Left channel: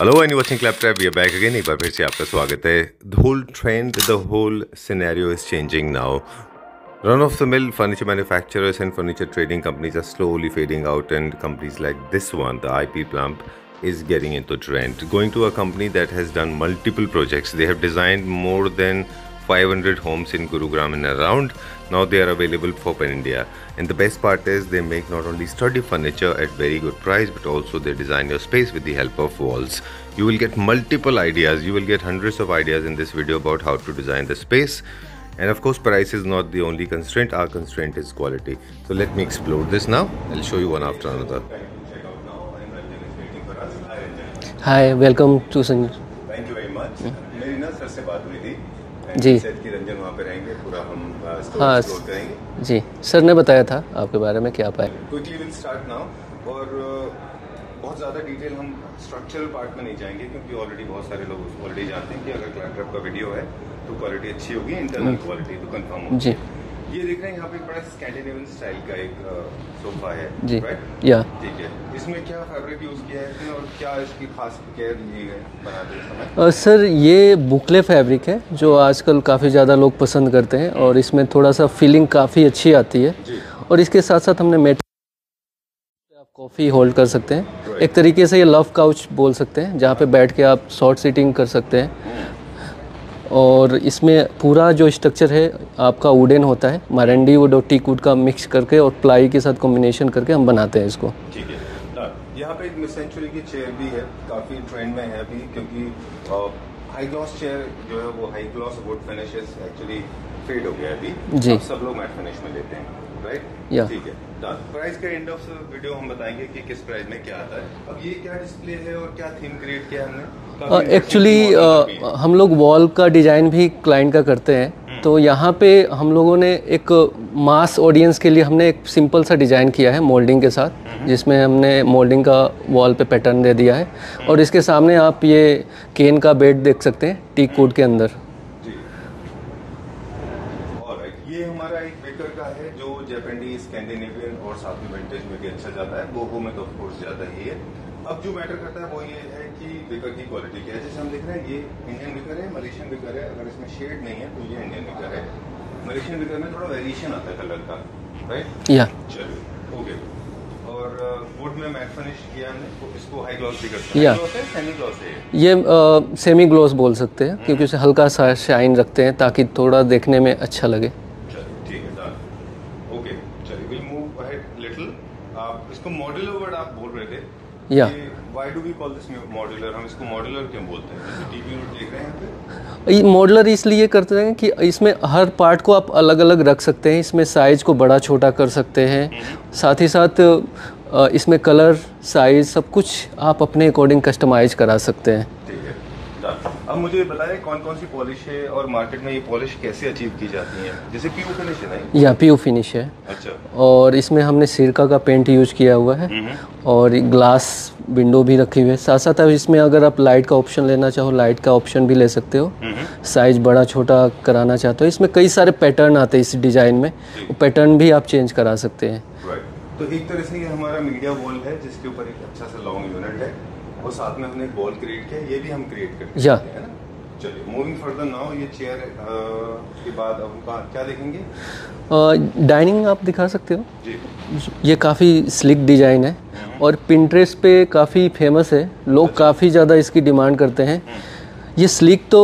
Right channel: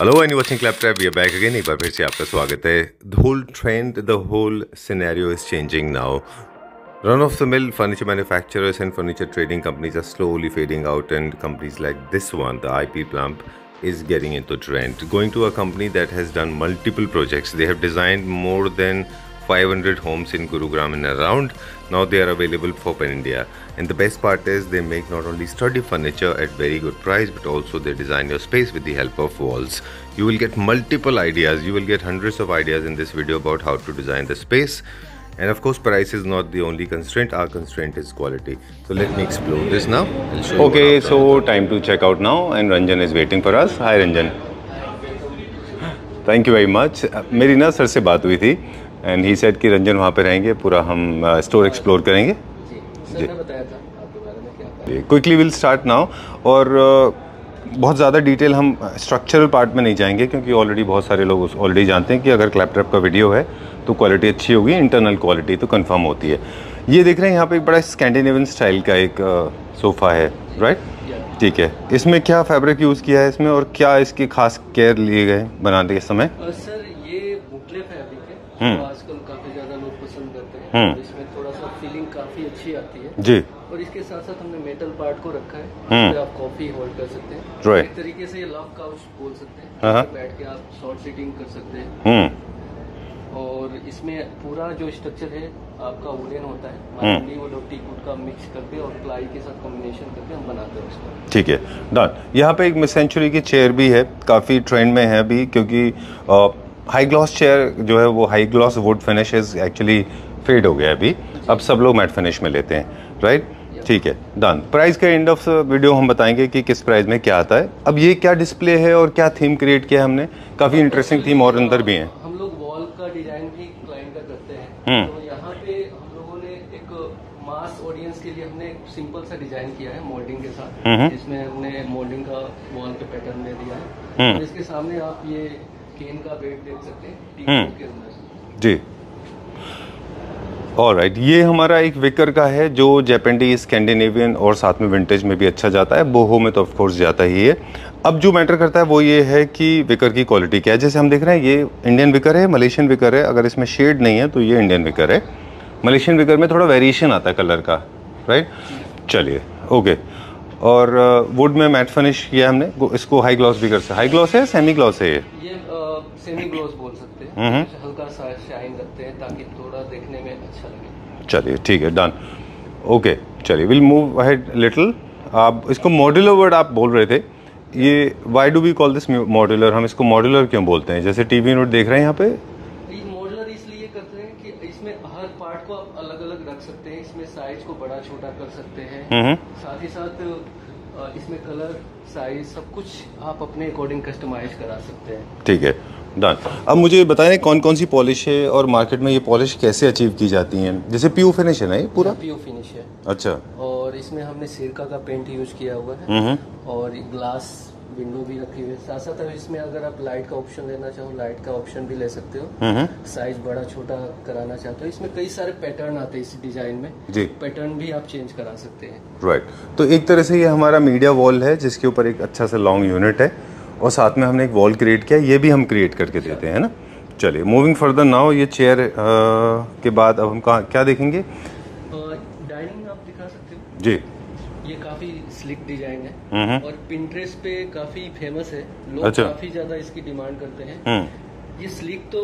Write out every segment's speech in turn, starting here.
Hello and watching claptrap, we are back again. एक बार फिर से आपका स्वागत है। The whole trend, the whole scenario is changing now. Run of the mill furniture manufacturers and furniture trading companies are slowly fading out, and companies like this one, the IP Plump, is getting into trend. Going to a company that has done multiple projects. They have designed more than 500 homes in Gurugram and around. Now they are available for Pan India. And the best part is they make not only sturdy furniture at very good price, but also they design your space with the help of walls. You will get multiple ideas. You will get hundreds of ideas in this video about how to design the space. And of course, price is not the only constraint. Our constraint is quality. So let me explore this now. I'll show you. Okay, so time to check out now, and Ranjan is waiting for us. Hi, Ranjan. Hi, welcome to Sun. Thank you very much. मेरी ना sir से बात हुई थी, and he said कि रंजन वहाँ पे रहेंगे, पूरा हम स्टोर एक्सप्लोर करेंगे. जी, सर ने बताया था आपके बारे में, क्या पाए. Quickly we'll start now. और बहुत ज़्यादा डिटेल हम स्ट्रक्चरल पार्ट में नहीं जाएंगे, क्योंकि ऑलरेडी बहुत सारे लोग ऑलरेडी जानते हैं कि अगर क्लैपट्रैप का वीडियो है तो क्वालिटी अच्छी होगी, इंटरनल क्वालिटी तो कंफर्म होती है. ये देख रहे हैं यहाँ पे एक बड़ा स्कैंडिनेवियन स्टाइल का एक सोफ़ा है, राइट? या ठीक है. इसमें क्या फैब्रिक यूज़ किया है इसमें, और क्या इसकी खास केयर लिए गए बनाने के समय? सर ये बुकले फैब्रिक है जो आजकल काफ़ी ज़्यादा लोग पसंद करते हैं, और इसमें थोड़ा सा फीलिंग काफ़ी अच्छी आती है जी. और इसके साथ साथ हमने मेटल पार्ट को रखा है, आप कॉफ़ी होल्ड कर सकते हैं. एक तरीके से ये लव काउच बोल सकते हैं, जहाँ पे बैठ के आप शॉर्ट सीटिंग कर सकते हैं. और इसमें पूरा जो स्ट्रक्चर है आपका वुडन होता है, मारंडी वुड और टीक वुड का मिक्स करके और प्लाई के साथ कॉम्बिनेशन करके हम बनाते हैं इसको. ठीक है डन. यहाँ पे एक मिड सेंचुरी की चेयर भी है, काफ़ी ट्रेंड में है अभी, क्योंकि हाई ग्लॉस चेयर जो है वो high gloss wood finish actually fade हो गया अभी. अब सब लोग मैट फिनिश में लेते हैं, राइट? ठीक है डन. प्राइस के एंड ऑफ वीडियो हम बताएंगे कि किस प्राइस में क्या आता है. अब ये क्या डिस्प्ले है और क्या थीम क्रिएट किया हमने, काफी इंटरेस्टिंग मॉडल अंदर भी है. हम लोग वॉल का डिजाइन भी क्लाइंट का करते हैं, तो यहाँ पे हम लोगों ने एक मास ऑडियंस के लिए हमने एक सिंपल सा डिजाइन किया है मोल्डिंग के साथ, जिसमें हमने मोल्डिंग का वॉल पे पैटर्न दे दिया है. और इसके सामने आप ये केन का बेड देख सकते हैं टीक वुड के अंदर जी. ऑलराइट, ये हमारा एक विकर का है जो जैपेंडी, स्कैंडिनेवियन और साथ में विंटेज में भी अच्छा जाता है. बोहो में तो ऑफ कोर्स जाता ही है. अब जो मैटर करता है वो ये है कि विकर की क्वालिटी क्या है. जैसे हम देख रहे हैं ये इंडियन विकर है, मलेशियन विकर है. अगर इसमें शेड नहीं है तो ये इंडियन विकर है. मलेशियन विकर में थोड़ा वेरिएशन आता है कलर का, राइट? या चलिए ओके. और वुड में मैट फिनिश किया हमने. इसको हाई ग्लॉस भी कर सकते हैं. हाई ग्लॉस है, सेमी ग्लॉस है ये सेमी ग्लॉस बोल सकते हैं, क्योंकि उसे हल्का सा शाइन रखते हैं ताकि थोड़ा देखने में अच्छा लगे. चलिए ठीक है डन. ओके चलिए विल मूव अहेड लिटिल. आप इसको मॉड्यूलर वर्ड आप बोल रहे थे, ये why do we call this modular? हम इसको मॉड्यूलर क्यों बोलते हैं? जैसे टीवी यूनिट देख रहे हैं यहाँ पे, मॉड्यूलर इसलिए करते हैं कि इसमें हर पार्ट को आप अलग अलग रख सकते हैं. इसमें साइज को बड़ा छोटा कर सकते हैं, साथ ही साथ इसमें कलर, साइज, सब कुछ आप अपने अकॉर्डिंग कस्टमाइज करा सकते हैं. ठीक है डन. अब मुझे बताएं कौन कौन सी पॉलिश है और मार्केट में ये पॉलिश कैसे अचीव की जाती है? जैसे पीयू फिनिश है ना? या पीयू फिनिश है. अच्छा. और इसमें हमने सिरका का पेंट यूज किया हुआ है, और ग्लास विंडो भी रखी हुई है. साथ साथ इसमें अगर आप लाइट का ऑप्शन लेना चाहो, लाइट का ऑप्शन भी ले सकते हो. साइज बड़ा छोटा कराना चाहते हो, इसमें कई सारे पैटर्न आते हैं इस डिजाइन में, पैटर्न भी आप चेंज करा सकते हैं. राइट. तो एक तरह से ये हमारा मीडिया वॉल है जिसके ऊपर एक अच्छा सा लॉन्ग यूनिट है, और साथ में हमने एक वॉल क्रिएट किया. ये भी हम क्रिएट करके सकते हैं ना. चलिए मूविंग फर्दर नाउ. ये चेयर के बाद अब हम क्या देखेंगे? डाइनिंग आप दिखा सकते हो जी. ये काफ़ी स्लिक डिजाइन है और पिंटरेस्ट पे काफ़ी फेमस है. लोग काफ़ी ज़्यादा इसकी डिमांड करते हैं. ये स्लिक तो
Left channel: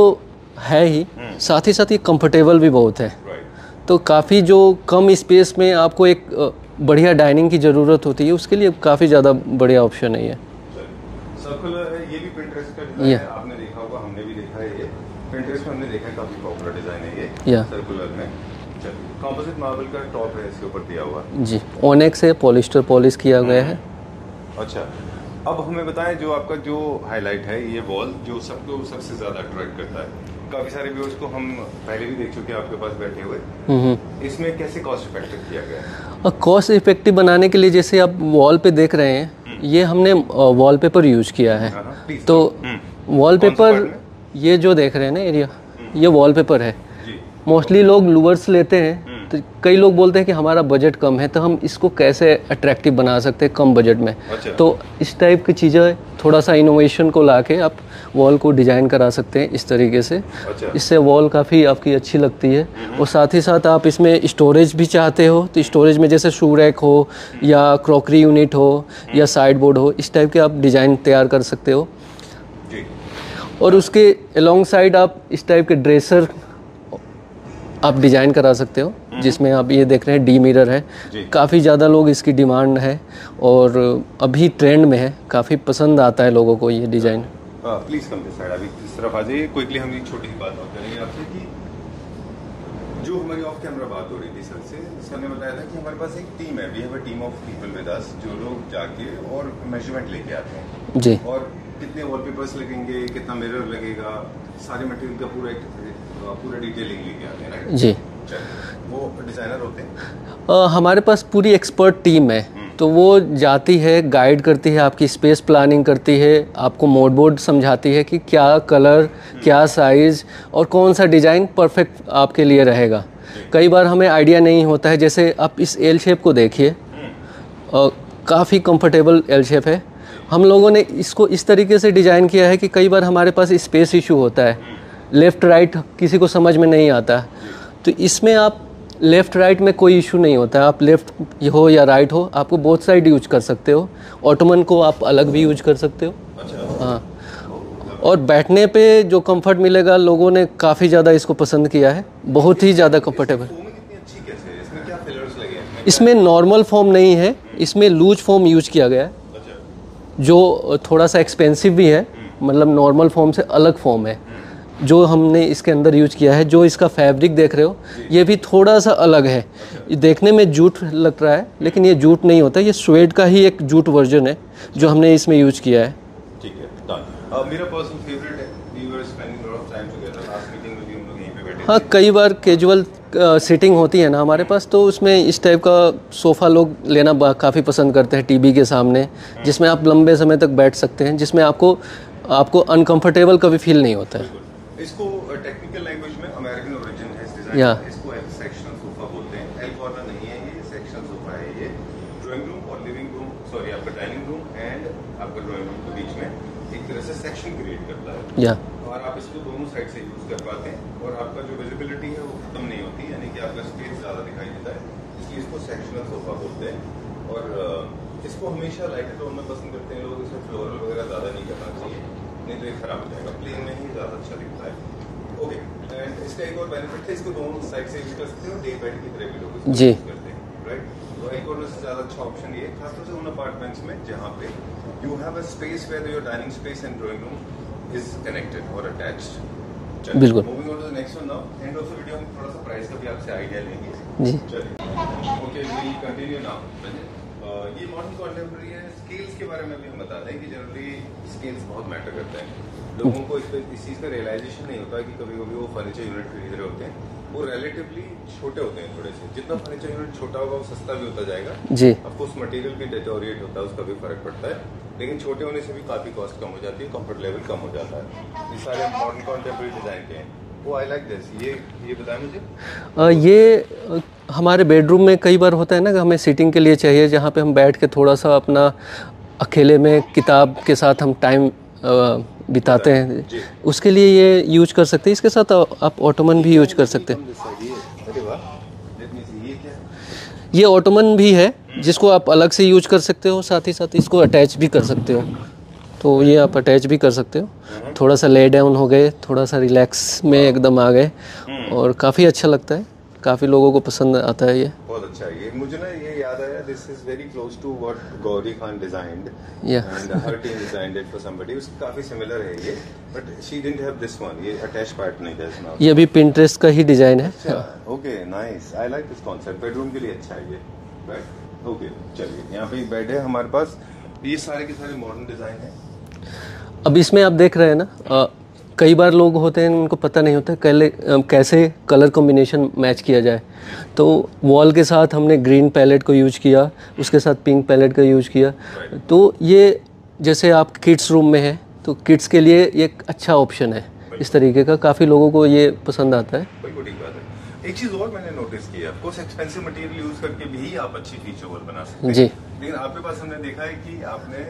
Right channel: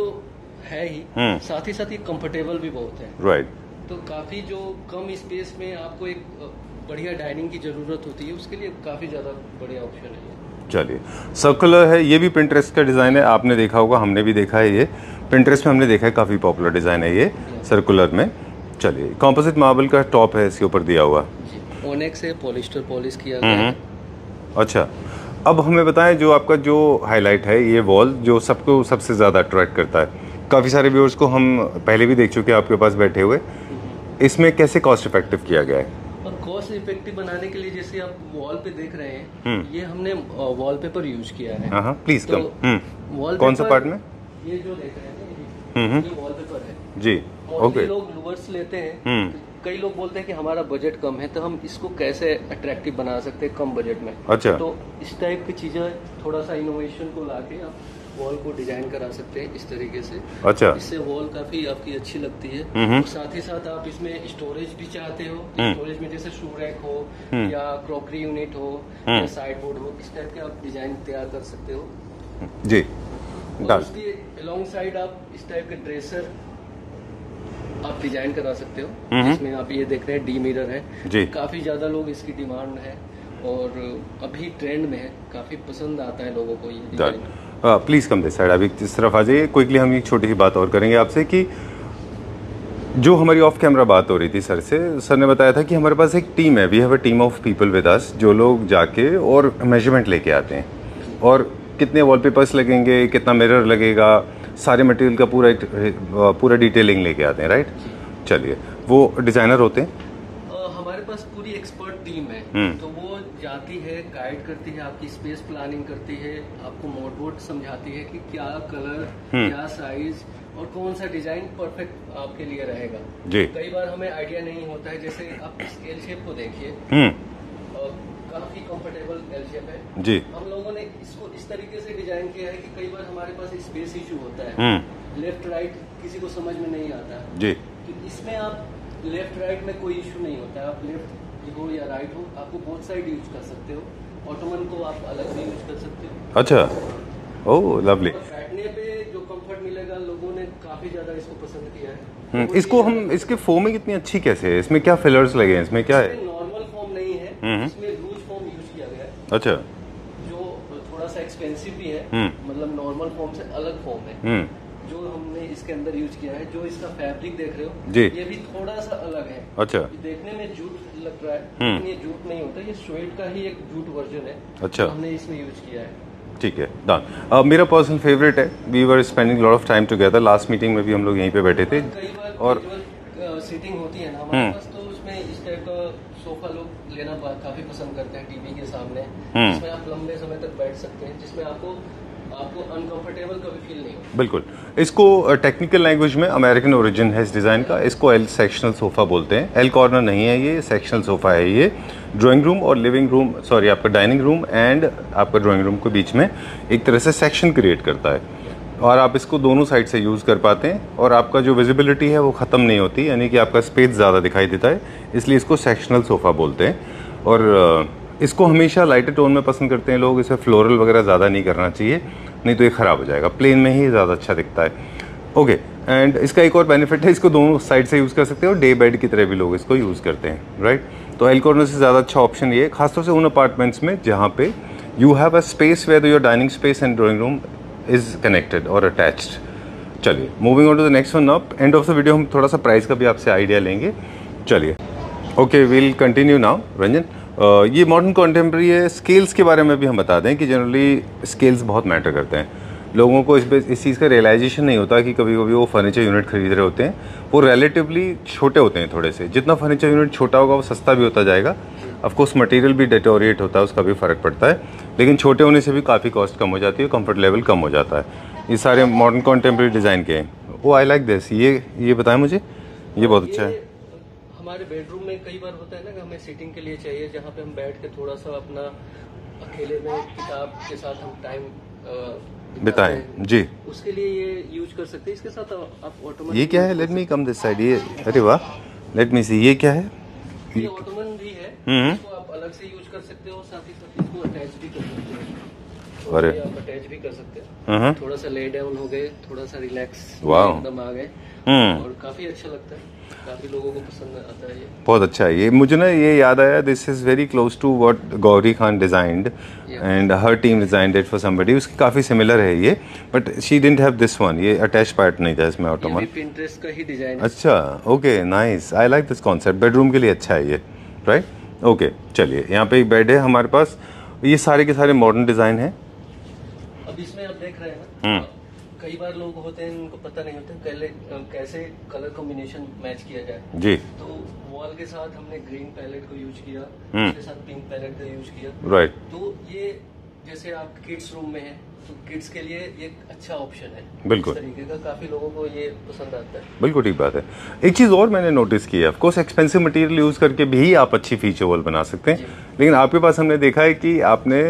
है ही, साथ ही साथ ये कंफर्टेबल भी बहुत है. राइट. तो काफ़ी जो कम स्पेस में आपको एक बढ़िया डाइनिंग की ज़रूरत होती है, उसके लिए काफ़ी ज़्यादा बढ़िया ऑप्शन है ये. चलिए सर्कुलर है, ये भी पिंटरेस्ट का डिज़ाइन है. आपने देखा होगा, हमने भी देखा है. ये पिंटरेस्ट में हमने देखा है, काफ़ी पॉपुलर डिज़ाइन है ये सर्कुलर में. चलिए कॉम्पोजिट मार्बल का टॉप है इसके ऊपर दिया हुआ जी. ओनेक्स है, पॉलिस्टर पॉलिश किया गया है. अच्छा. अब हमें बताएं जो आपका जो हाईलाइट है, ये वॉल जो सबको सबसे ज़्यादा अट्रैक्ट करता है. काफ़ी सारे व्यूअर्स को हम पहले भी देख चुके हैं आपके पास बैठे हुए. इसमें कैसे कॉस्ट इफेक्टिव किया गया है? कॉस्ट इफेक्टिव बनाने के लिए जैसे आप वॉल पे देख रहे हैं, ये हमने वॉलपेपर यूज किया है. प्लीज. तो वॉलपेपर ये जो देख रहे हैं ना एरिया, ये वॉलपेपर है जी। मोस्टली लोग लूवर्स लेते हैं, तो कई लोग बोलते हैं कि हमारा बजट कम है, तो हम इसको कैसे अट्रैक्टिव बना सकते हैं कम बजट में। अच्छा। तो इस टाइप की चीज़ें थोड़ा सा इनोवेशन को लाके आप वॉल को डिजाइन करा सकते हैं इस तरीके से। अच्छा। इससे वॉल काफ़ी आपकी अच्छी लगती है। और साथ ही साथ आप इसमें स्टोरेज भी चाहते हो तो स्टोरेज में जैसे शू रैक हो या क्रॉकरी यूनिट हो या साइड बोर्ड हो, इस टाइप के आप डिज़ाइन तैयार कर सकते हो जी। और उसके अलोंग साइड आप इस टाइप के ड्रेसर आप डिजाइन करा सकते हो, जिसमें आप ये देख रहे हैं डी मिरर है। काफ़ी ज़्यादा लोग इसकी डिमांड है और अभी ट्रेंड में है, काफ़ी पसंद आता है लोगों को ये design. Please come this side, अभी इस तरफ आ जाइए। क्विकली हम एक छोटी सी बात और करेंगे आपसे कि जो हमारी ऑफ कैमरा बात हो रही थी सर से, सर ने बताया था कि हमारे पास एक टीम है, we have a team of people with us, जो लोग जाके और मेजरमेंट लेके आते हैं जी। और कितने वॉलपेपर्स लगेंगे, कितना मिरर लगेगा, सारे मटेरियल का पूरा डिटेलिंग लेके आते हैं, राइट जी। चलिए, वो डिज़ाइनर होते हैं? हमारे पास पूरी एक्सपर्ट टीम है, तो वो जाती है, गाइड करती है, आपकी स्पेस प्लानिंग करती है, आपको मोड बोर्ड समझाती है कि क्या कलर, क्या साइज और कौन सा डिज़ाइन परफेक्ट आपके लिए रहेगा। कई बार हमें आइडिया नहीं होता है, जैसे आप इस एल शेप को देखिए, काफ़ी कंफर्टेबल एल शेप है जी। हम लोगों ने इसको इस तरीके से डिज़ाइन किया है कि कई बार हमारे पास स्पेस इशू होता है, लेफ्ट राइट किसी को समझ में नहीं आता जी। तो इसमें आप लेफ्ट राइट में कोई इशू नहीं होता है, आप लेफ्ट हो या राइट हो, आपको बोथ साइड यूज कर सकते हो। ऑटोमन को आप अलग भी यूज कर सकते हो। अच्छा। हाँ। ओह लवली। और बैठने पे जो कंफर्ट मिलेगा, लोगों ने काफी ज्यादा इसको पसंद किया है, बहुत ही ज्यादा कंफर्टेबल। फोम कितनी अच्छी कैसे है, इसमें क्या फिलर्स लगे हैं, इसमें क्या इसमें नॉर्मल फोम नहीं है, इसमें लूज फोम यूज किया गया है। अच्छा। जो थोड़ा सा एक्सपेंसिव भी है, मतलब नॉर्मल फोम से अलग फोम है जो हमने इसके अंदर यूज किया है। जो इसका फैब्रिक देख रहे हो ये भी थोड़ा सा अलग है। अच्छा। देखने में जूट लग रहा है लेकिन ये जूट नहीं होता, ये स्वेड का ही एक जूट वर्जन है। अच्छा। जो हमने इसमें यूज किया है। ठीक है, डन। मेरा पर्सनल फेवरेट है, we were spending lot of time together, last meeting में भी हम लोग यहीं पे बैठे थे। हाँ, कई बार कैजुअल सीटिंग होती है ना हमारे पास, तो उसमें इस टाइप का सोफ़ा लोग लेना काफ़ी पसंद करते हैं, टीवी के सामने, जिसमें आप लंबे समय तक बैठ सकते हैं, जिसमें आपको अनकंफर्टेबल कभी फील नहीं होता। बिल्कुल। इसको टेक्निकल लैंग्वेज में अमेरिकन ओरिजिन है इस डिज़ाइन का, इसको एल सेक्शनल सोफ़ा बोलते हैं। एल कॉर्नर नहीं है, ये सेक्शनल सोफ़ा है। ये ड्राइंग रूम और लिविंग रूम, सॉरी आपका डाइनिंग रूम एंड आपका ड्राइंग रूम के बीच में एक तरह से सेक्शन क्रिएट करता है और आप इसको दोनों साइड से यूज़ कर पाते हैं और आपका जो विजिबिलिटी है वो ख़त्म नहीं होती, यानी कि आपका स्पेस ज़्यादा दिखाई देता है, इसलिए इसको सेक्शनल सोफ़ा बोलते हैं। और इसको हमेशा लाइटर टोन में पसंद करते हैं लोग, इसे फ्लोरल वगैरह ज़्यादा नहीं करना चाहिए, नहीं तो ये ख़राब हो जाएगा, प्लेन में ही ज़्यादा अच्छा दिखता है। ओके, एंड इसका एक और बेनिफिट है, इसको दोनों साइड से यूज़ कर सकते हैं और डे बेड की तरह भी लोग इसको यूज़ करते हैं, राइट। तो एल कॉर्नर से ज़्यादा अच्छा ऑप्शन ये है, खासतौर से उन अपार्टमेंट्स में जहाँ पे you have a space where your dining space and drawing room is connected और अटैच्ड। चलिए, moving on to the next one. Up end of the video हम थोड़ा सा प्राइस का भी आपसे आइडिया लेंगे। चलिए, okay, we'll continue now. Ranjan, ये मॉडर्न कॉन्टेम्प्रेरी है, स्केल्स के बारे में भी हम बता दें कि जनरली स्केल्स बहुत मैटर करते हैं। लोगों को इस चीज़ का रियलाइजेशन नहीं होता कि कभी कभी वो फर्नीचर यूनिट खरीद रहे होते हैं, वो रिलेटिवली छोटे होते हैं थोड़े से। जितना फर्नीचर यूनिट छोटा होगा वो सस्ता भी होता जाएगा जी। ऑफकोर्स मटेरियल भी डिटोरिएट होता है, उसका भी फ़र्क पड़ता है, लेकिन छोटे होने से भी काफ़ी कॉस्ट कम हो जाती है, कंफर्ट लेवल कम हो जाता है। ये सारे मॉडर्न कॉन्टेम्प्रेरी डिज़ाइन के हैं। वो आई लाइक दिस। ये बताएं मुझे। ये हमारे बेडरूम में कई बार होता है ना कि हमें सीटिंग के लिए चाहिए, जहाँ पे हम बैठ के थोड़ा सा अपना अकेले में किताब के साथ हम टाइम बिताते हैं जी। उसके लिए ये यूज कर सकते हैं। इसके साथ आप ऑटोमन भी यूज कर सकते हैं। अरे वाह, लेट मी सी, ये क्या है? ये ऑटोमन भी है जिसको आप अलग से यूज कर सकते हो, साथ ही साथ इसको अटैच भी कर सकते हो। तो ये आप अटैच भी कर सकते हो। थोड़ा सा ले डाउन हो गए, थोड़ा सा रिलैक्स में एकदम आ गए और काफ़ी अच्छा लगता है, काफ़ी लोगों को पसंद आता है। ये बहुत अच्छा है। ये मुझे ना ये याद आया, this is very close to what Gauri Khan designed and her team designed it for somebody. उसकी काफ़ी सिमिलर है ये, but she didn't have this one. ये अटैच पार्ट नहीं था इसमें। ये भी पिंटरेस्ट का ही डिजाइन है। अच्छा, okay, nice, I like this concept. Bedroom के लिए अच्छा है ये, राइट। ओके, चलिए, यहाँ पे एक बेड है हमारे पास। ये सारे के सारे मॉडर्न डिज़ाइन है। अब इसमें आप देख रहे हैं ना, कई बार लोग होते हैं उनको पता नहीं होता कैसे कलर कॉम्बिनेशन मैच किया जाए जी। तो वॉल के साथ हमने ग्रीन पैलेट को यूज किया, उसके साथ पिंक पैलेट का यूज किया, राइट। तो ये जैसे आप किड्स रूम में है तो किड्स के लिए ये एक अच्छा ऑप्शन है। इस तरीके का काफ़ी लोगों को ये पसंद आता है। बिल्कुल ठीक बात है। एक चीज़ और मैंने नोटिस की है, of course expensive material use करके भी आप अच्छी फीचर वॉल बना सकते हैं, लेकिन आपके पास हमने देखा है कि आपने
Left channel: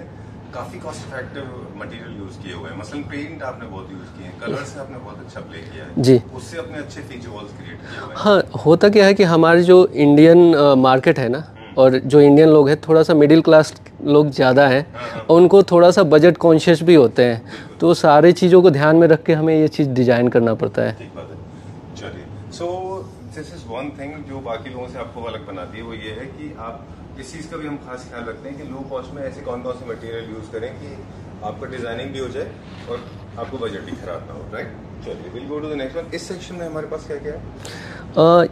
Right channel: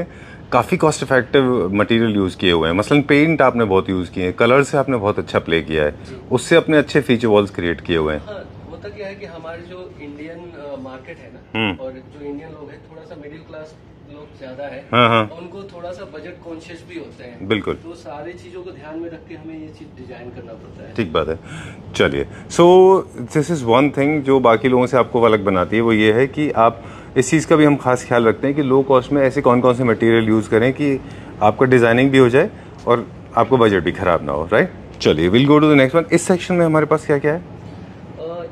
काफ़ी कॉस्ट इफेक्टिव मटेरियल यूज़ किए हुए हैं। मसलन पेंट आपने बहुत यूज़ किए हैं, कलर से आपने बहुत अच्छा प्ले किया है जी, उससे अपने अच्छे फीचर वॉल्स क्रिएट किए हुए हैं। हाँ, होता क्या है कि हमारी जो इंडियन मार्केट है ना, और जो इंडियन लोग हैं थोड़ा सा मिडिल क्लास लोग ज़्यादा हैं, और उनको थोड़ा सा बजट कॉन्शियस भी होते हैं। बिल्कुल। तो सारी चीज़ों को ध्यान में रख के हमें ये चीज़ डिजाइन करना पड़ता है। ठीक बात है। चलिए, so this is one thing जो बाकी लोगों से आपको अलग बनाती है, वो ये है कि आप इस चीज़ का भी हम खास ख्याल रखते हैं कि लो कॉस्ट में ऐसे कौन कौन से मटेरियल यूज़ करें कि आपका डिज़ाइनिंग भी हो जाए और आपको बजट भी ख़राब ना हो, राइट? चलिए, will go to the next one. इस सेक्शन में हमारे पास क्या क्या है?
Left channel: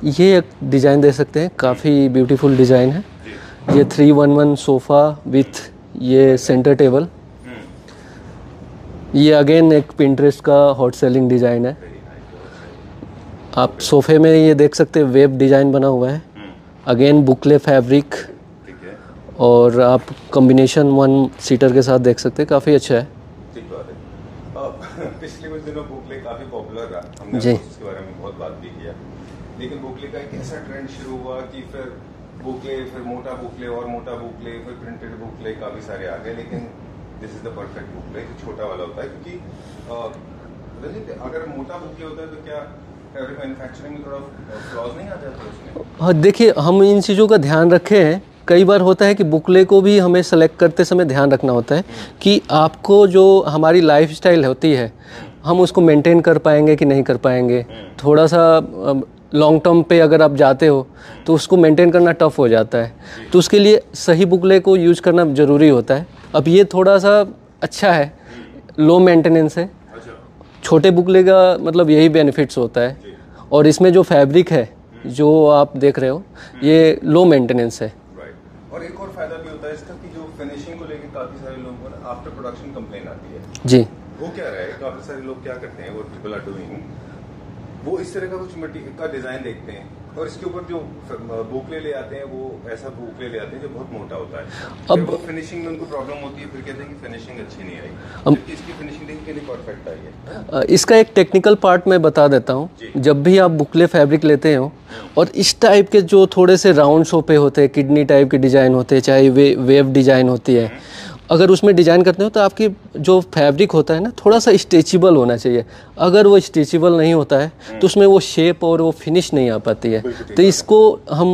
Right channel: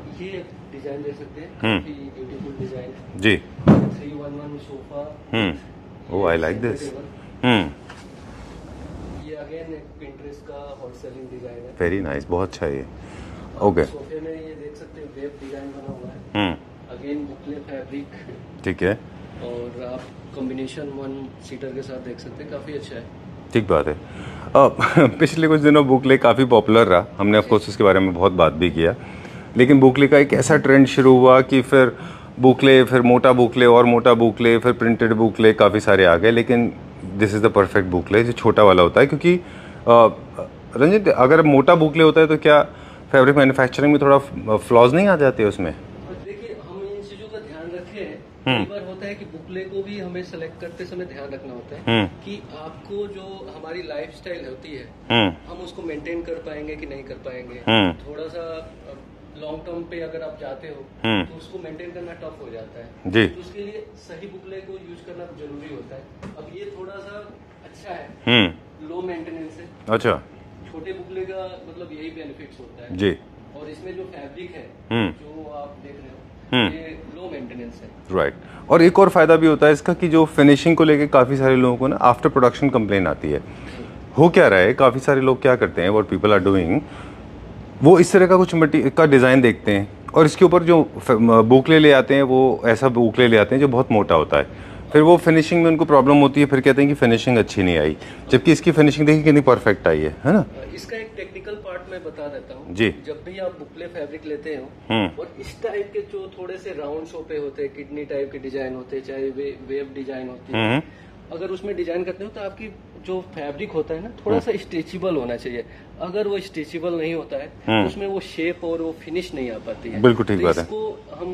ये एक डिज़ाइन दे सकते हैं, काफ़ी ब्यूटीफुल डिज़ाइन है जी। ये 311 सोफ़ा विथ ये सेंटर टेबल। ये अगेन एक पिंटरेस्ट का हॉट सेलिंग डिज़ाइन है। वेरी नाइस, बहुत अच्छा ये। आप सोफे में ये देख सकते हैं वेब डिज़ाइन बना हुआ है, अगेन बुकले फैब्रिक। ठीक है। और आप कॉम्बिनेशन 1 सीटर के साथ देख सकते हैं, काफ़ी अच्छा है। ठीक बात है। पिछले कुछ दिनों बुकले काफ़ी पॉपुलर रहा, हमने ऑफकोर्स इसके बारे में बहुत बात भी किया, लेकिन बुकले का एक ऐसा ट्रेंड शुरू हुआ कि फिर बुकले, फिर मोटा बुकले और मोटा बुकले, फिर प्रिंटेड बुकले काफ़ी सारे आ गए। लेकिन दिस इज़ द परफेक्ट बुकले जो छोटा वाला होता है, क्योंकि रंजित अगर मोटा बुकले होता है तो क्या फैब्रिक मैन्युफैक्चरिंग में थोड़ा फ्लॉज नहीं आ जाते उसमें? हाँ, देखिए हम इन चीज़ों का ध्यान रखे हैं। कई बार होता है कि बुकले को भी हमें सेलेक्ट करते समय ध्यान रखना होता है कि आपको जो हमारी लाइफस्टाइल होती है हम उसको मेंटेन कर पाएंगे कि नहीं कर पाएंगे। थोड़ा सा लॉन्ग टर्म पे अगर आप जाते हो तो उसको मेंटेन करना टफ हो जाता है, तो उसके लिए सही बुकले को यूज करना जरूरी होता है। अब ये थोड़ा सा अच्छा है, लो मेंटेनेंस है। अच्छा। छोटे बुकले का मतलब यही बेनिफिट्स होता है जी। और इसमें जो फैब्रिक है जो आप देख रहे हो ये लो मेंटेनेंस है। राइट। और एक और फायदा भी होता है इसका कि जो फिनिशिंग को लेके काफी सारे लोगों को ना आफ्टर प्रोडक्शन कंप्लेन आती है जी। हो क्या रहा है, काफी सारे लोग क्या करते हैं, व्हाट पीपल आर डूइंग, वो इस तरह का कुछ का डिजाइन देखते हैं और इसके ऊपर जो बुकले ले आते हैं वो ऐसा बुकले ले आते हैं जो बहुत मोटा होता है, फिर वो फिनिशिंग में उनको प्रॉब्लम होती है, फिर कहते हैं कि फिनिशिंग अच्छी नहीं आई, जबकि इसकी फिनिशिंग देखिए कितनी परफेक्ट आई है ना? इसका एक टेक्निकल पार्ट मैं बता देता हूँ। जब भी आप बुकले फैब्रिक लेते हो और इस टाइप के जो थोड़े से राउंड सोपे होते हैं, किडनी टाइप के डिजाइन होते हैं, चाहे वेव डिजाइन होती है, अगर उसमें डिजाइन करते हो तो आपकी जो फैब्रिक होता है ना थोड़ा सा स्ट्रेचेबल होना चाहिए। अगर वो स्ट्रेचेबल नहीं होता है तो उसमें वो शेप और वो फिनिश नहीं आ पाती है। तो इसको हम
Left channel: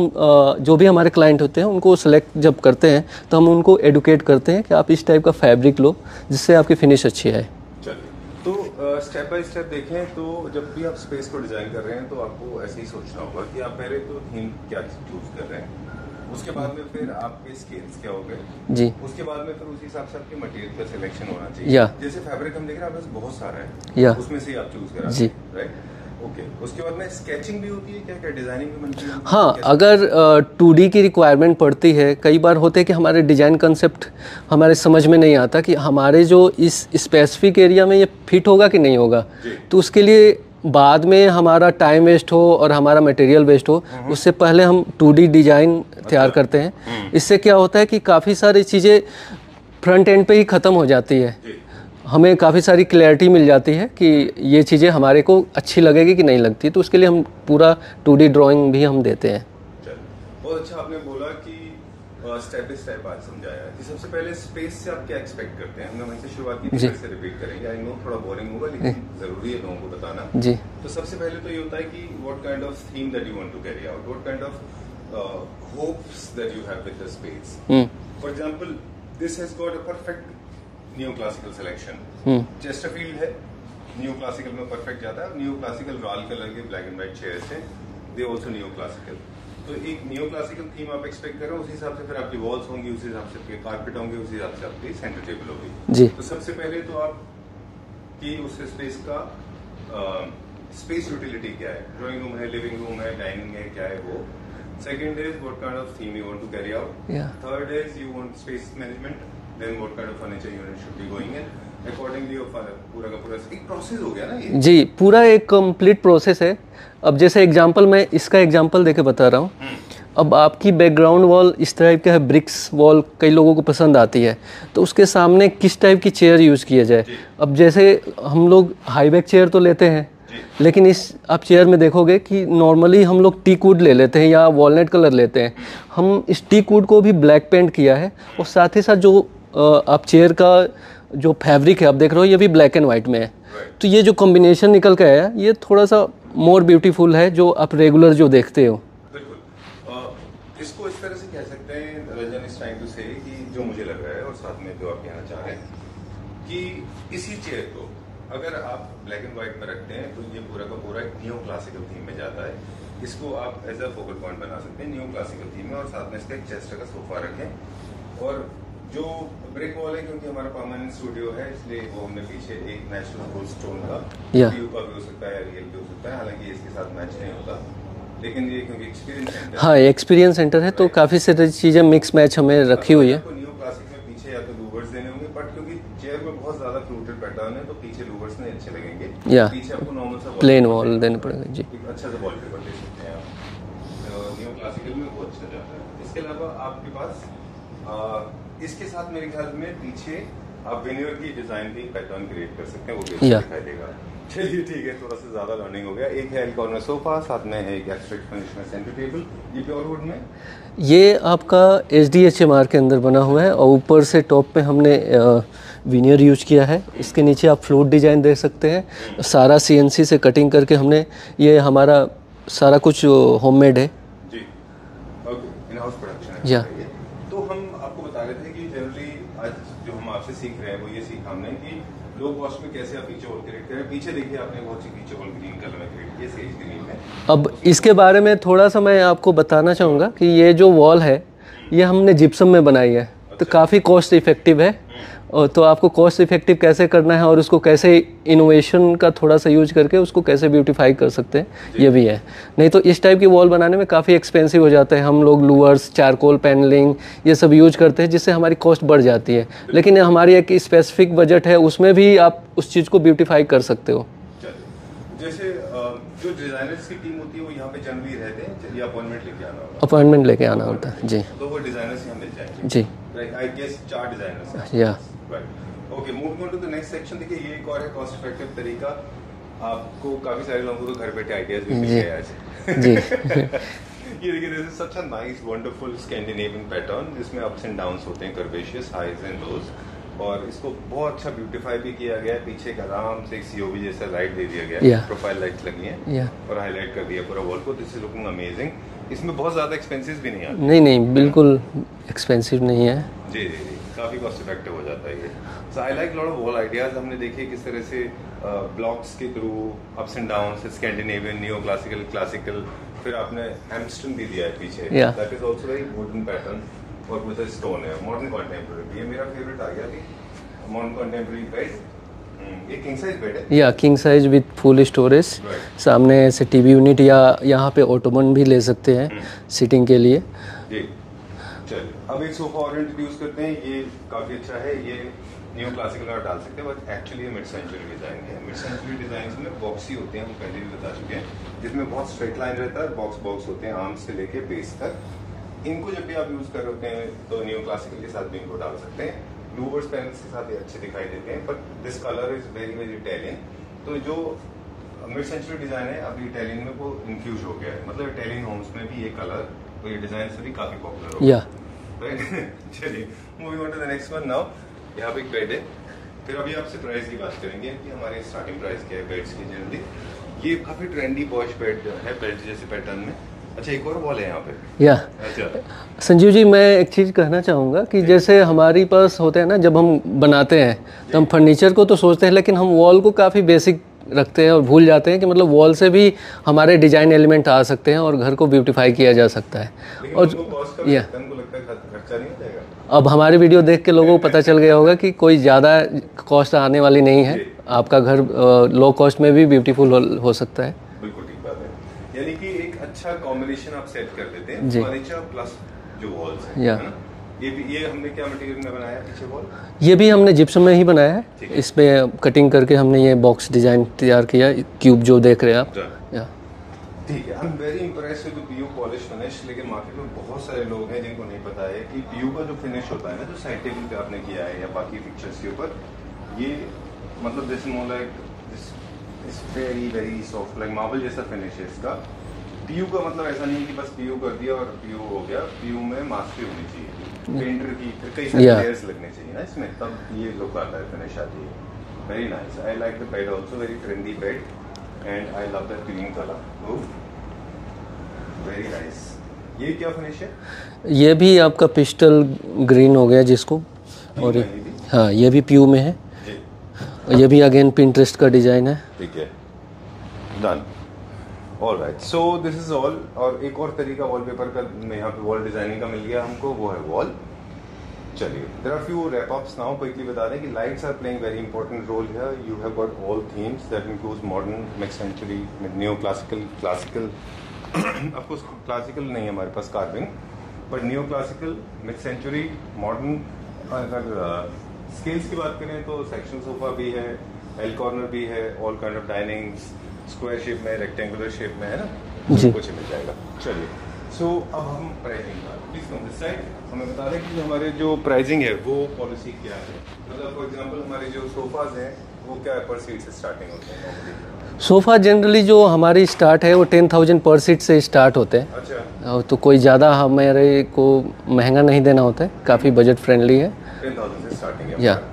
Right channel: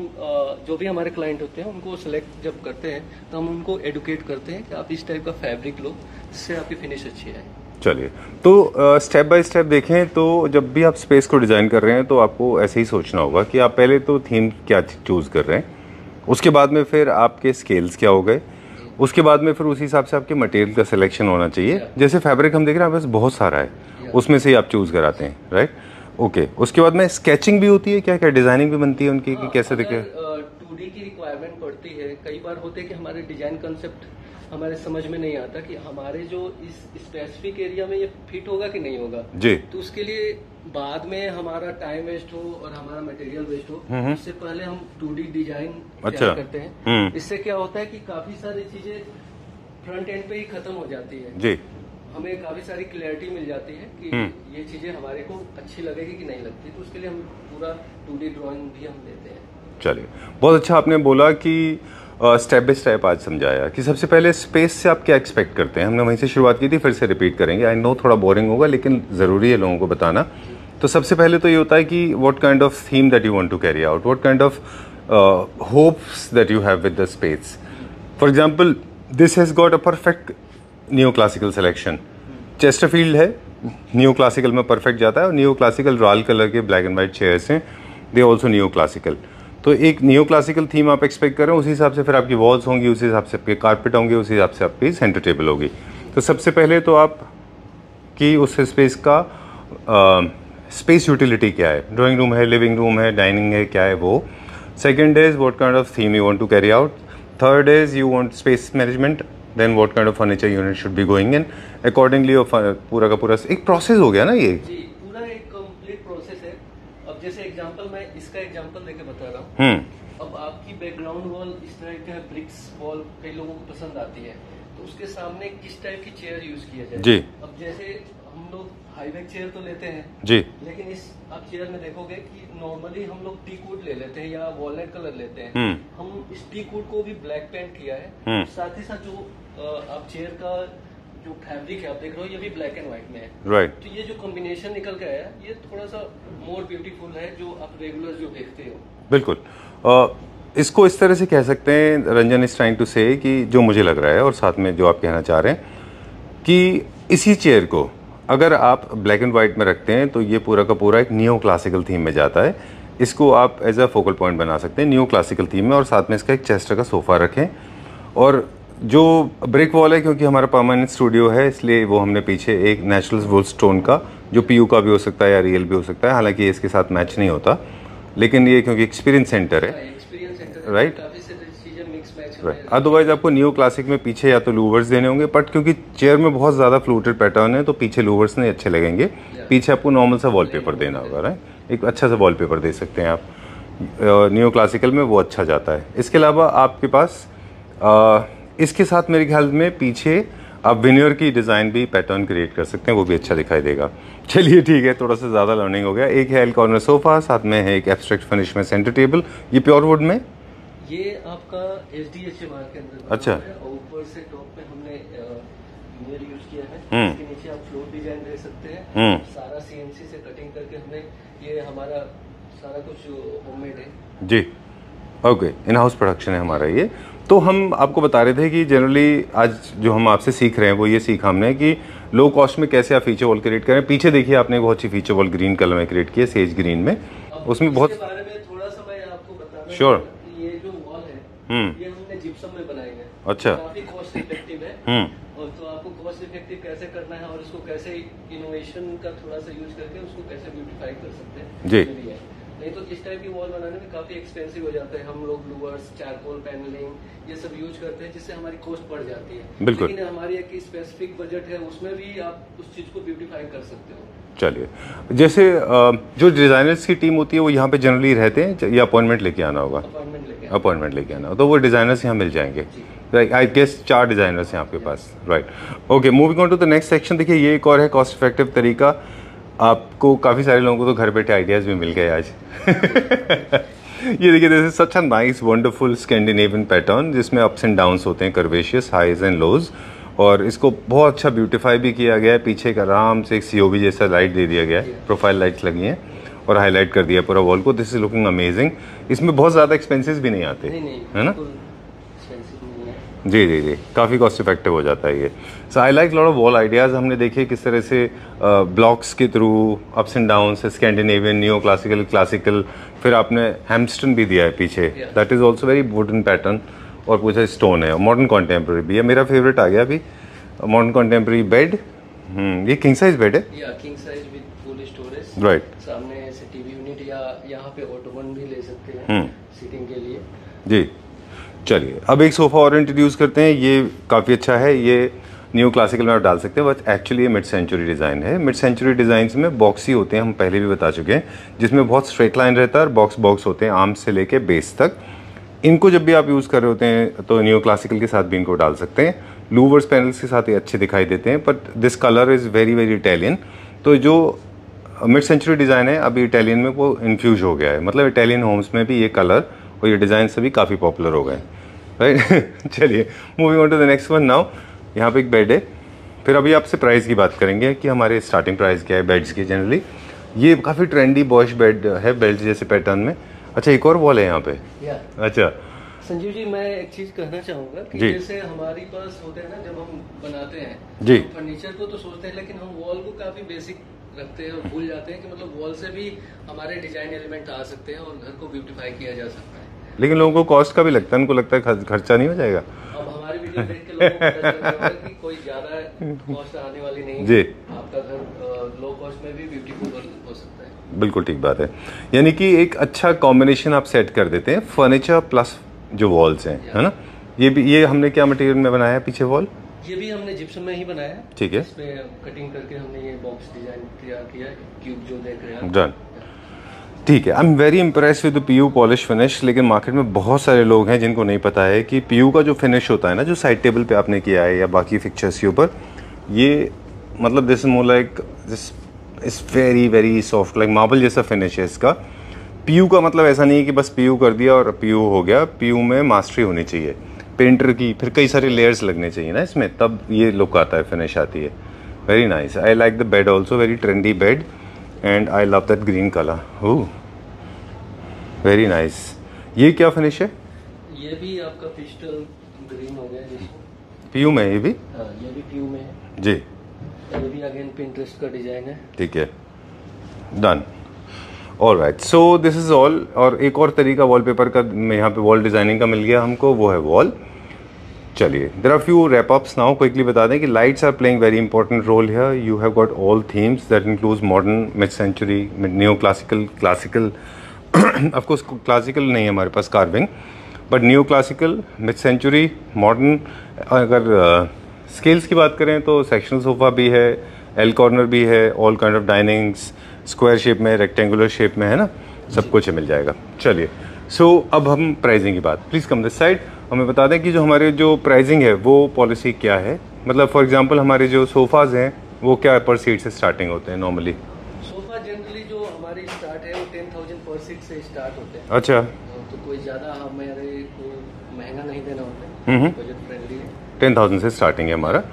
जो भी हमारे क्लाइंट होते हैं उनको सेलेक्ट जब करते हैं तो हम उनको एडुकेट करते हैं कि आप इस टाइप का फैब्रिक लो जिससे आपकी फिनिश अच्छी आए। चलिए, तो स्टेप बाय स्टेप देखें तो जब भी आप स्पेस को डिज़ाइन कर रहे हैं तो आपको ऐसे ही सोचना होगा कि आप पहले तो थीम क्या चूज़ कर रहे हैं, उसके बाद में फिर आपके स्केल्स क्या हो गए जी, उसके बाद में फिर उसी हिसाब से आपके मटेरियल का सिलेक्शन होना चाहिए। जैसे फैब्रिक हम देख रहे हैं बस बहुत सारा है, उसमें से ही आप चूज कराते हैं, राइट? ओके। उसके बाद में स्केचिंग भी होती है क्या, क्या डिजाइनिंग भी बनती है उनकी? हाँ, अगर 2D की रिक्वायरमेंट पड़ती है, कई बार होते हैं कि हमारे डिजाइन कंसेप्ट हमारे समझ में नहीं आता कि हमारे जो इस स्पेसिफिक एरिया में ये फिट होगा कि नहीं होगा जी। तो उसके लिए बाद में हमारा टाइम वेस्ट हो और हमारा मटेरियल वेस्ट हो, उससे पहले हम 2D डिजाइन तैयार करते हैं। इससे क्या होता है कि काफ़ी सारी चीज़ें फ्रंट एंड पे ही ख़त्म हो जाती है जी। हमें काफ़ी सारी क्लैरिटी मिल जाती है कि ये चीज़ें हमारे को अच्छी लगेगी कि नहीं लगती, तो उसके लिए हम पूरा 2D ड्राइंग भी हम देते हैं। चलिए, बहुत अच्छा आपने बोला कि स्टेप बाय स्टेप आज समझाया कि सबसे पहले स्पेस से आप क्या एक्सपेक्ट करते हैं, हमने वहीं से शुरुआत की थी, फिर से रिपीट करेंगे। आई नो थोड़ा बोरिंग होगा लेकिन ज़रूरी है लोगों को बताना जी। तो सबसे पहले तो ये होता है कि what kind of theme that you want to carry out, what kind of hopes that you have with the space. For example, this has got a perfect new classical selection. Chesterfield है, new classical में perfect जाता है, और new classical royal colour के black and white chairs हैं, they also new classical. तो एक new classical theme आप एक्सपेक्ट कर रहे हो, उसी हिसाब से फिर आपकी वॉल्स होंगी, उसी हिसाब से आपके कारपेट होंगे, उसी हिसाब से आपकी सेंटर टेबल होगी जी। तो सबसे पहले तो आप कि उस स्पेस का स्पेस यूटिलिटी क्या है, ड्राइंग रूम है, लिविंग रूम है, डाइनिंग है, क्या है वो। Second is what kind of theme you want to carry out. Third is you want space management, then what kind of furniture unit should be going in accordingly. पूरा का पूरा एक process हो गया ना ये जी, पूरा एक कंप्लीट प्रोसेस है। अब जैसे एग्जांपल, मैं इसका एग्जांपल देके बता रहा हूँ। अब आपकी बैकग्राउंड वॉल इस टाइप का है, ब्रिक्स वॉल कई लोगों को पसंद आती है, तो उसके सामने किस टाइप की चेयर यूज़ किया जाए। अब जैसे हम लोग हाई बैक चेयर तो लेते हैं जी, लेकिन इस आप चेयर में देखोगे कि नॉर्मली हम लोग टीक वुड ले लेते हैं या वॉलनट कलर लेते हैं। हम इस टीक वुड को भी ब्लैक पेंट किया है, और साथ ही साथ जो आप चेयर का जो फैब्रिक है आप देख रहे हो, ये भी ब्लैक एंड व्हाइट में है। तो ये जो कॉम्बिनेशन निकल के आया, ये थोड़ा सा मोर ब्यूटीफुल है जो आप रेगुलर जो देखते हो। बिल्कुल। इसको इस तरह से कह सकते हैं, रंजन इज ट्राइंग टू से, कि जो मुझे लग रहा है और साथ में जो आप कहना चाह रहे हैं, कि इसी चेयर को अगर आप ब्लैक एंड वाइट में रखते हैं तो ये पूरा का पूरा एक न्यू क्लासिकल थीम में जाता है। इसको आप एज अ फोकल पॉइंट बना सकते हैं न्यू क्लासिकल थीम में, और साथ में इसका एक चेस्टर का सोफ़ा रखें। और जो ब्रिक वॉल है, क्योंकि हमारा परमानेंट स्टूडियो है, इसलिए वो हमने पीछे एक नेचुरल वुड स्टोन का, जो पीयू का भी हो सकता है या रियल भी हो सकता है, हालांकि इसके साथ मैच नहीं होता, लेकिन ये क्योंकि एक्सपीरियंस सेंटर है। हाँ, एक्सपीरियंस सेंटर है, तो काफी सारी चीजें मिक्स मैच हमें रखी हुई है। आपको न्यू क्लासिक में पीछे या तो लूवर्स देने होंगे, बट क्योंकि चेयर में बहुत ज्यादा फ्लूटेड पैटर्न है तो पीछे लूवर्स नहीं अच्छे लगेंगे। पीछे आपको नॉर्मल सा वॉलपेपर देना पड़ रहा है, एक अच्छा सा वॉलपेपर दे सकते हैं आप। न्यू क्लासिकल में वो अच्छा जाता है। इसके अलावा आपके पास इसके साथ मेरे ख्याल में पीछे आप विनियर की डिजाइन भी पैटर्न क्रिएट कर सकते हैं, वो भी अच्छा दिखाई देगा। चलिए ठीक है, थोड़ा सा ज़्यादा लर्निंग हो गया। एक है एल कॉर्नर सोफ़ा, साथ में है एक एब्स्ट्रैक्ट फिनिश में सेंटर टेबल। ये प्योर वुड में, ये आपका SDHMR के अंदर बना हुआ है, और ऊपर से टॉप पे हमने विनियर यूज किया है। इसके नीचे आप फ्लोट डिजाइन देख सकते हैं, सारा CNC से कटिंग करके हमने, ये हमारा सारा कुछ होममेड है जी। ओके, इन हाउस प्रोडक्शन है हमारा ये। तो हम आपको बता रहे थे कि जनरली आज जो हम आपसे सीख रहे हैं वो ये सीखा हमने कि लो कॉस्ट में कैसे आप फीचर वॉल क्रिएट करें। पीछे देखिए, आपने बहुत अच्छी फीचर वॉल ग्रीन कलर में क्रिएट की है, सेज ग्रीन में। अब इसके बारे में थोड़ा सा मैं आपको बताना चाहूँगा कि ये जो वॉल है, ये हमने जिप्सम में बनाई है। तो काफ़ी कॉस्ट इफेक्टिव है। और तो आपको कॉस्ट इफेक्टिव कैसे करना है और उसको कैसे इनोवेशन का थोड़ा सा यूज करके उसको कैसे ब्यूटीफाई कर सकते हैं, ये भी है। नहीं तो इस टाइप की वॉल बनाने में काफ़ी एक्सपेंसिव हो जाता है। हम लोग लूअर्स, चारकोल पैनलिंग ये सब यूज करते हैं, जिससे हमारी कॉस्ट बढ़ जाती है। लेकिन हमारी एक स्पेसिफिक बजट है, उसमें भी आप उस चीज़ को ब्यूटीफाई कर सकते हो। चलिए, जैसे जो डिजाइनर्स की टीम होती है वो यहाँ पे जनरली रहते हैं या अपॉइंटमेंट लेके आना होगा? अपॉइंटमेंट लेके आना होगा, तो वो डिजाइनर्स यहाँ मिल जाएंगे जी। आई गेस 4 डिजाइनर्स यहाँ पे pass, right. Okay, moving on to the next section. देखिए, ये एक और है कॉस्ट इफेक्टिव तरीका। आपको काफी सारे लोगों को तो घर बैठे आइडियाज भी मिल गए आज। ये देखिए, this is such a nice wonderful Scandinavian pattern, जिसमें अप्स एंड डाउन्स होते हैं, कर्वेशियस हाईज एंड लोज, और इसको बहुत अच्छा ब्यूटीफाई भी किया गया है। पीछे एक आराम से एक COB जैसा लाइट दे दिया गया है, प्रोफाइल लाइट्स लगी हैं, और हाईलाइट कर दिया पूरा वॉल को। This is looking amazing. इसमें बहुत ज्यादा एक्सपेंसेस भी नहीं आते। नहीं, बिल्कुल एक्सपेंसिव नहीं है। जी जी जी, काफी कॉस्ट इफेक्टिव हो जाता है ये। So I like lot of wall ideas. हमने देखे किस तरह से ब्लॉक्स के through ups and downs, Scandinavian, neo classical, classical, फिर आपने हैमस्टन भी दिया है पीछे, that is also very wooden pattern, और कुछ स्टोन है। मॉडर्न कॉन्टेम्प्रेरी भी है। मेरा फेवरेट आ गया अभी मॉडर्न कॉन्टेम्प्रेरी बेड। ये किंग साइज बेड है, या king size with full storage. Right, सामने ऐसे टीवी यूनिट या यहाँ पे ऑटोमन भी ले सकते हैं सिटिंग के लिए जी। चलिए, अब एक सोफा और इंट्रोड्यूस करते हैं। ये काफ़ी अच्छा है, ये न्यू क्लासिकल में आप डाल सकते हैं, बट एक्चुअली ये मिड सेंचुरी डिज़ाइन है। मिड सेंचुरी डिज़ाइंस में बॉक्सी होते हैं, हम पहले भी बता चुके हैं, जिसमें बहुत स्ट्रेट लाइन रहता है और बॉक्स बॉक्स होते हैं आर्म्स से लेके बेस तक। इनको जब भी आप यूज़ कर रहे होते हैं तो न्यू क्लासिकल के साथ भी इनको डाल सकते हैं। लूवर्स पैनल्स के साथ ये अच्छे दिखाई देते हैं, but this colour is very very Italian. तो जो मिड सेंचुरी डिज़ाइन है अभी इटालियन में वो इन्फ्यूज हो गया है, मतलब इटालियन होम्स में भी ये कलर और ये डिज़ाइन सभी काफ़ी पॉपुलर हो गए, राइट। चलिए, moving on to the next one now. यहाँ पे एक बेड है, फिर अभी आपसे प्राइस की बात करेंगे कि हमारे स्टार्टिंग प्राइस क्या है बेड्स की जनरली। ये काफ़ी ट्रेंडी बॉश बेड है, बेल्ट जैसे पैटर्न में। अच्छा, एक और वॉल है यहाँ पे। अच्छा संजीव जी, मैं एक चीज़ कहना चाहूँगा कि जैसे हमारे पास होते हैं ना, जब हम बनाते हैं हम फर्नीचर को तो सोचते हैं, लेकिन हम वॉल को काफ़ी बेसिक रखते हैं और भूल जाते हैं कि मतलब वॉल से भी हमारे डिजाइन एलिमेंट आ सकते हैं और घर को ब्यूटीफाई किया जा सकता है। लेकिन लोगों को कॉस्ट का भी लगता है, उनको लगता है खर्चा नहीं हो जाएगा। अब हमारे वीडियो देख के लोगों को पता चल गया होगा कि कोई ज़्यादा कॉस्ट आने वाली नहीं है। आपका घर लो कॉस्ट में भी ब्यूटीफुल हो सकता है। बिल्कुल ठीक बात है, यानी कि एक अच्छा कॉम्बिनेशन आप सेट कर देते हैं, फर्नीचर प्लस जो वॉल्स हैं, है ना। ये हमने क्या मटेरियल में बनाया है पीछे वॉल? ये भी हमने जिप्सम में ही बनाया है। ठीक है, इसमें कटिंग करके हमने ये बॉक्स डिजाइन तैयार किया, क्यूब जो देख रहे हैं आप। डन। ठीक है, I am very impress with the PU polish finish. लेकिन मार्केट में बहुत सारे लोग हैं जिनको नहीं पता है कि पीयू का जो फिनिश होता है ना, जो साइड टेबल पे आपने किया है या बाकी फिक्चर्स के ऊपर, ये मतलब this is more like this is very very soft, like marble जैसा फिनिश है इसका। पीयू का मतलब ऐसा नहीं है कि बस पीयू कर दिया और पीयू हो गया। पीयू में मास्टरी होनी चाहिए, पेंटर की, फिर कई सारे लेयर्स लगने चाहिए ना इसमें, तब ये लुक आता है, फिनिश आती है। Very nice. I like the bed also, very trendy bed and I love that green colour. Oh very nice. ये क्या फिनिश है? ये भी आपका पिस्टल ग्रीन हो गया, जिसको पीयू में, ये भी? हाँ, ये भी पीयू में है जी। ये भी अगेन पिंटरेस्ट का डिजाइन है। ठीक है, done. Alright, so this is all. और एक और तरीका वॉलपेपर का यहाँ पे वॉल डिजाइनिंग का मिल गया हमको, वो है वॉल। चलिए, there are few wrap ups now. Quickly बता दें कि lights are playing very important role here. You have got all themes that includes modern, mid century, new classical, classical of course classical नहीं है हमारे पास carving, but new classical, mid century, modern. अगर scales की बात करें तो sectional sofa भी है, एल कॉर्नर भी है, all kind of डाइनिंग्स, square shape में, रेक्टेंगुलर शेप में, है ना, सब कुछ मिल जाएगा। चलिए, सो अब हम प्राइसिंग की बात, प्लीज़ कम दिस साइड। हमें बता दें कि जो हमारे जो प्राइसिंग है वो पॉलिसी क्या है। मतलब फॉर एग्जांपल हमारे जो सोफ़ाज़ हैं वो क्या पर सीट से स्टार्टिंग होते हैं नॉर्मली? सोफ़ा जनरली जो हमारी स्टार्ट है वो 10,000 पर सीट से स्टार्ट होते हैं। अच्छा, तो कोई ज़्यादा हमारे को महंगा नहीं देना होता है, काफ़ी बजट फ्रेंडली है। 10,000 से स्टार्टिंग है हमारा।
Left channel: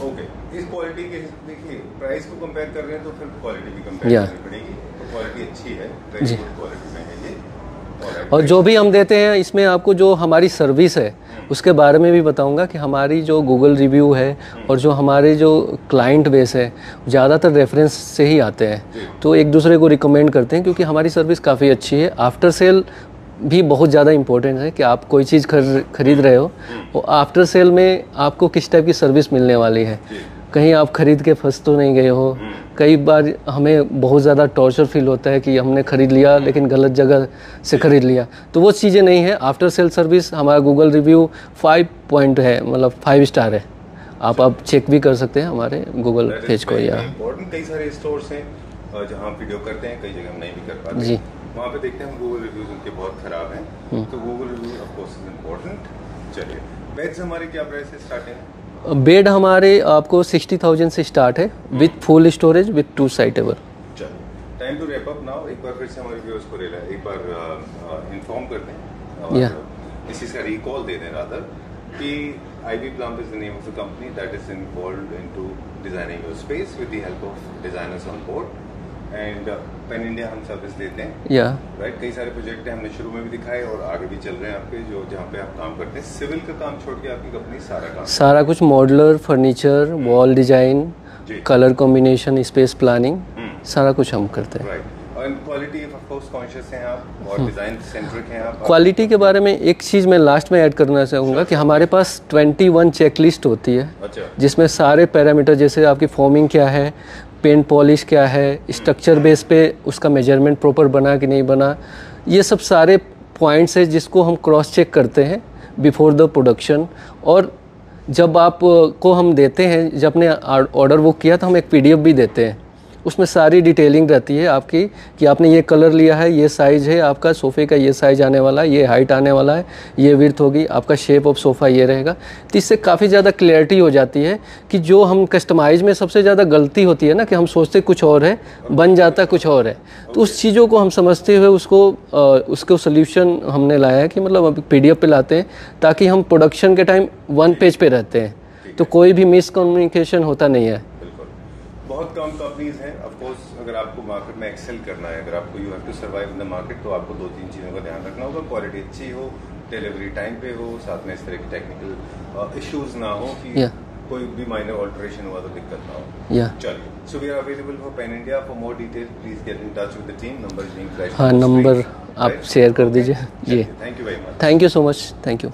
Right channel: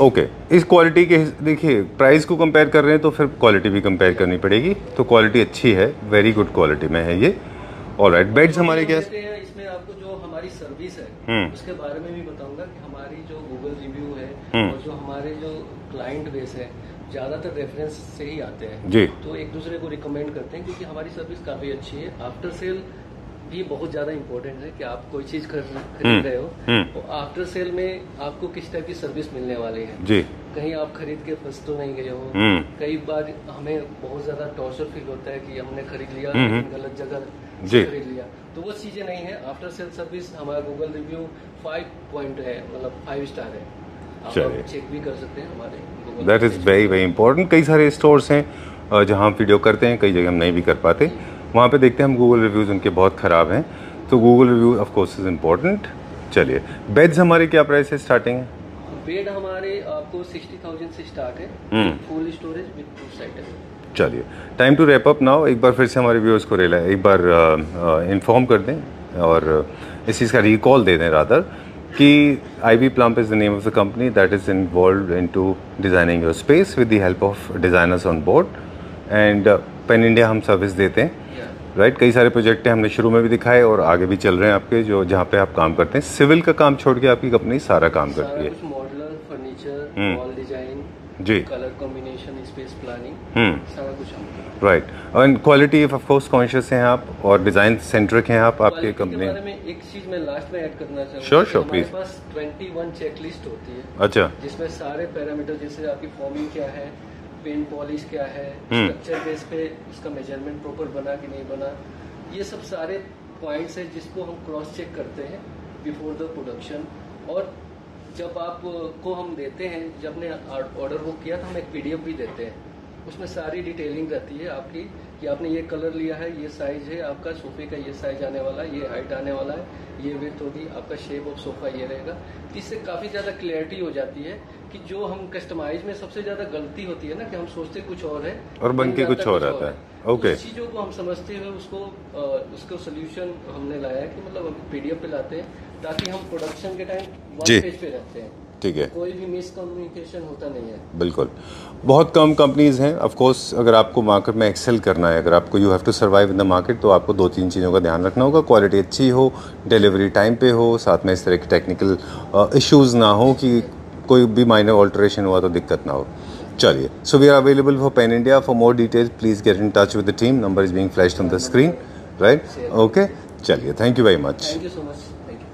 ओके, इस क्वालिटी के देखिए, प्राइस को कंपेयर कर रहे हैं तो फिर क्वालिटी भी कंपेयर करनी पड़ेगी। तो क्वालिटी अच्छी है, वेरी गुड क्वालिटी में है ये। ऑलराइट, और जो भी हम देते हैं इसमें आपको जो हमारी सर्विस है उसके बारे में भी बताऊंगा कि हमारी जो गूगल रिव्यू है और जो हमारे जो क्लाइंट बेस है ज़्यादातर रेफरेंस से ही आते हैं, तो एक दूसरे को रिकमेंड करते हैं क्योंकि हमारी सर्विस काफ़ी अच्छी है। आफ्टर सेल भी बहुत ज़्यादा इम्पोर्टेंट है कि आप कोई चीज़ खरीद रहे हो और आफ्टर सेल में आपको किस टाइप की सर्विस मिलने वाली है। कहीं आप खरीद के फंस तो नहीं गए हो। कई बार हमें बहुत ज़्यादा टॉर्चर फील होता है कि हमने खरीद लिया लेकिन गलत जगह से खरीद लिया, तो वो चीज़ें नहीं है। आफ्टर सेल सर्विस हमारा गूगल रिव्यू 5 पॉइंट है, मतलब 5 स्टार है। आप चेक भी कर सकते हैं हमारे गूगल पेज पर। Very important. कई सारे स्टोर्स हैं जहाँ हम वीडियो करते हैं, कई जगह हम नहीं भी कर पाते, वहाँ पे देखते हैं हम गूगल रिव्यूज़ उनके बहुत ख़राब हैं, तो Google review of course is important. चलिए, बेड्स हमारे क्या प्राइस है स्टार्टिंग है? बेड हमारे आपको 60,000 से स्टार्ट है with full storage with 2 side table. चलिए, time to wrap up now. एक बार फिर से हमारे व्यूअर्स को एक बार इन्फॉर्म कर दें और इस चीज़ का रिकॉल दे दें रादर कि IB Plump is the name of the company that is involved into designing your space with the help of designers on board and pen India हम सर्विस देते हैं। राइट, कई सारे प्रोजेक्ट हैं, हमने शुरू में भी दिखाए और आगे भी चल रहे हैं आपके, जो जहाँ पे आप काम करते हैं। सिविल का काम छोड़ के आपकी कंपनी सारा काम सारा कुछ, modular, furniture, wall design, colour combination, space planning, सारा कुछ हम करते हैं। राइट, और क्वालिटी ऑफ कोर्स कॉन्शियस हैं आप और डिजाइन सेंट्रिक हैं आप। क्वालिटी के बारे में एक चीज़ मैं लास्ट में ऐड करना चाहूँगा कि हमारे पास 21 चेकलिस्ट होती है। अच्छा, जिसमें सारे पैरामीटर, जैसे आपकी फॉर्मिंग क्या है, पेंट पॉलिश क्या है, स्ट्रक्चर बेस पे उसका मेजरमेंट प्रॉपर बना कि नहीं बना, ये सब सारे पॉइंट्स है जिसको हम क्रॉस चेक करते हैं बिफोर द प्रोडक्शन। और जब आप को हम देते हैं, जब आपने ऑर्डर वो किया तो हम एक PDF भी देते हैं, उसमें सारी डिटेलिंग रहती है आपकी कि आपने ये कलर लिया है, ये साइज़ है आपका सोफ़े का, ये साइज़ आने वाला है, ये हाइट आने वाला है, ये विड्थ होगी, आपका शेप ऑफ सोफ़ा ये रहेगा। तो इससे काफ़ी ज़्यादा क्लियरिटी हो जाती है कि जो हम कस्टमाइज में सबसे ज़्यादा गलती होती है ना कि हम सोचते कुछ और है, बन जाता कुछ और है। तो उस चीज़ों को हम समझते हुए उसको सोल्यूशन हमने लाया है कि मतलब अब PDF पे लाते हैं ताकि हम प्रोडक्शन के टाइम 1 पेज पे रहते हैं, तो कोई भी मिसकम्युनिकेशन होता नहीं है। बिल्कुल, बहुत कम कंपनीज हैं। ऑफ कोर्स अगर आपको मार्केट में एक्सेल करना है, अगर आपको you have to survive in the market, तो आपको 2-3 चीज़ों का ध्यान रखना होगा। क्वालिटी अच्छी हो, डिलीवरी टाइम पे हो, साथ में इस तरह के टेक्निकल इश्यूज ना हो कि कोई भी माइनर ऑल्टरेशन हुआ तो दिक्कत ना हो। चलिए, so we are available for pan India. For more details please get in touch with the team. Number is being flashed on the screen, right? Share कर दीजिए। चलिए, thank you very much. Thank you so much, thank you.